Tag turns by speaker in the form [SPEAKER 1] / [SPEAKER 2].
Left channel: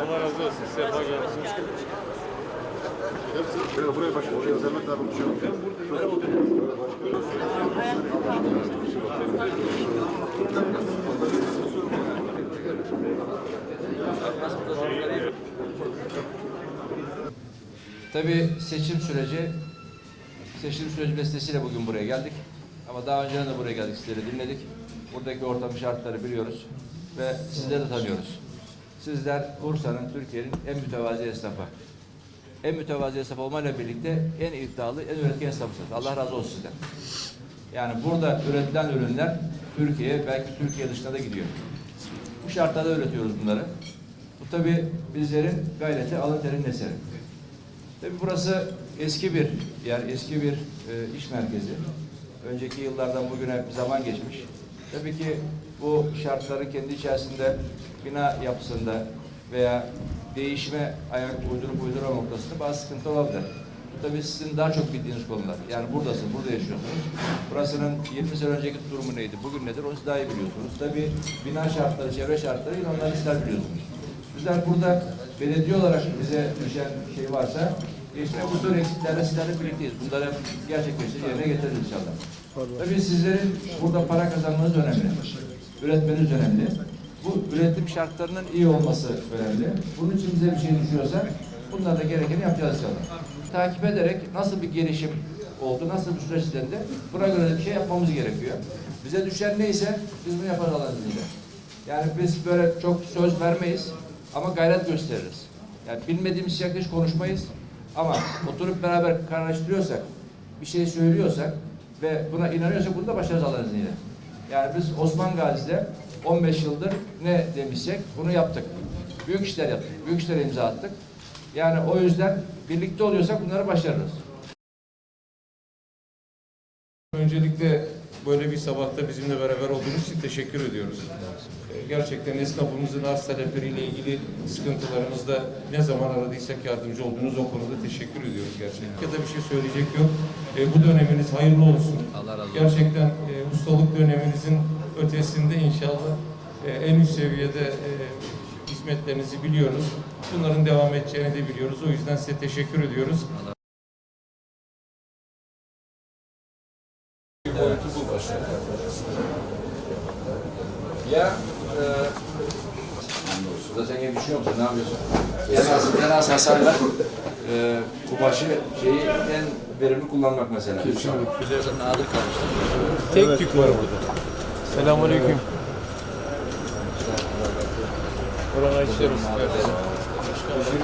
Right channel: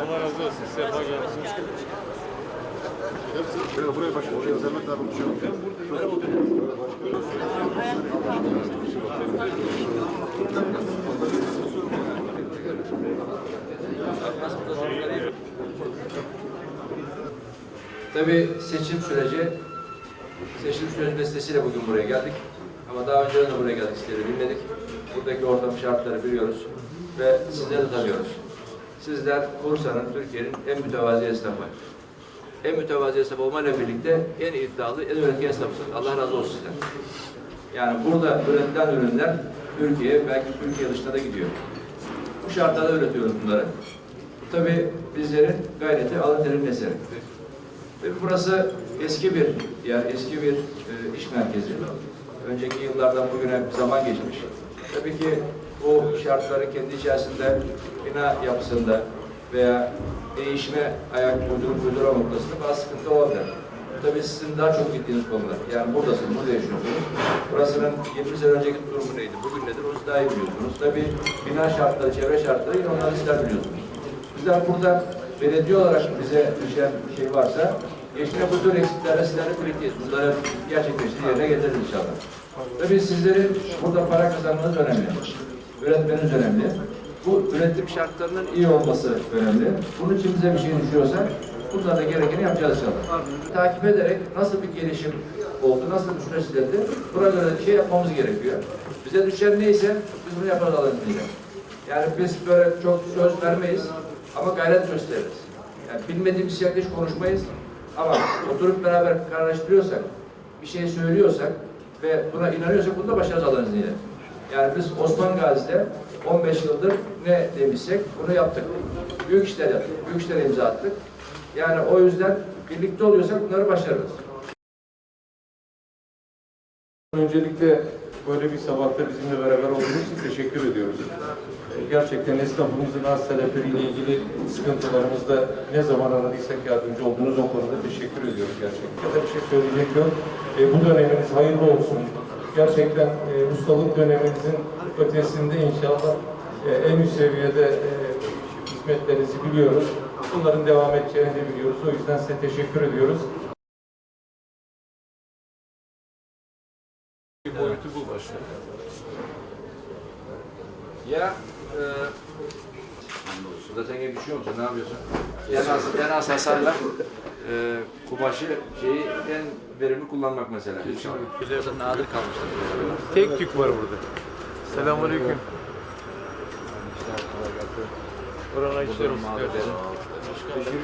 [SPEAKER 1] Allah razı olsun. Sefa geldiniz.
[SPEAKER 2] Buraya, buraya abi bir şey yok.
[SPEAKER 3] Tabii seçim süreci, seçim süreci vesilesiyle bugün buraya geldik. Ama daha önce de buraya geldik, sizleri dinledik. Buradaki ortam şartları biliyoruz ve sizleri de tanıyoruz. Sizler Bursa'nın, Türkiye'nin en mütevazi esnafı. En mütevazi esnaf olmayla birlikte en iddialı, en üretken esnafısınız. Allah razı olsun sizden. Yani burada üretilen ürünler Türkiye, belki Türkiye dışına da gidiyor. Bu şartlarda üretiyoruz bunları. Bu tabii bizlerin gayreti, alın terin eseri. Tabii burası eski bir yer, eski bir e, iş merkezi. Önceki yıllardan bugüne zaman geçmiş. Tabii ki bu şartları kendi içerisinde bina yapısında veya değişime ayak uydurup uydurama noktasında bazı sıkıntı olabilir. Bu tabii sizin daha çok gittiğiniz konular. Yani buradasın, burada yaşıyorsunuz. Burasının 20 sene önceki durumu neydi, bugün nedir onu daha iyi biliyorsunuz. Tabii bina şartları, çevre şartları yine onları sizler biliyorsunuz. Bizler burada belediye olarak bize düşen şey varsa geçme bu tür eksiklerle sizlerle birlikteyiz. Bunları gerçekleştirip yerine getiririz inşallah. Tabii sizlerin burada para kazanmanız önemli. Üretmeniz önemli. Bu üretim şartlarının iyi olması önemli. Bunun için bize bir şey düşüyorsa bunlara da gerekeni yapacağız inşallah. Takip ederek nasıl bir gelişim oldu, nasıl bir süreç ilerledi, buna göre bir şey yapmamız gerekiyor. Bize düşen neyse biz bunu Allah'ın izniyle. Yani biz böyle çok söz vermeyiz ama gayret gösteririz. Yani bilmediğimiz yerde hiç konuşmayız ama oturup beraber kararlaştırıyorsak, bir şey söylüyorsak ve buna inanıyorsak bunu da başarırız Allah'ın izniyle. Yani biz Osman Gazi'de 15 yıldır ne demişsek bunu yaptık. Büyük işler yaptık, büyük işlere imza attık. Yani o yüzden birlikte oluyorsak bunları başarırız.
[SPEAKER 1] Öncelikle böyle bir sabahta bizimle beraber olduğunuz için teşekkür ediyoruz. Gerçekten esnafımızın arz talepleriyle ilgili sıkıntılarımızda ne zaman aradıysak yardımcı olduğunuz o konuda teşekkür ediyoruz gerçekten. Ya da bir şey söyleyecek yok. E, bu döneminiz hayırlı olsun. Gerçekten ustalık döneminizin ötesinde inşallah e, en üst seviyede e, hizmetlerinizi biliyoruz. Bunların devam edeceğini de biliyoruz. O yüzden size teşekkür ediyoruz. Boyutu bu.
[SPEAKER 3] Ya e, Suda sen gibi düşünüyor musun? Ne yapıyorsun? En az, en az hasarla e, kumaşı şeyi en verimli kullanmak mesela.
[SPEAKER 4] Tek tük var burada. Selamünaleyküm. Buranın işler olsun kardeşim.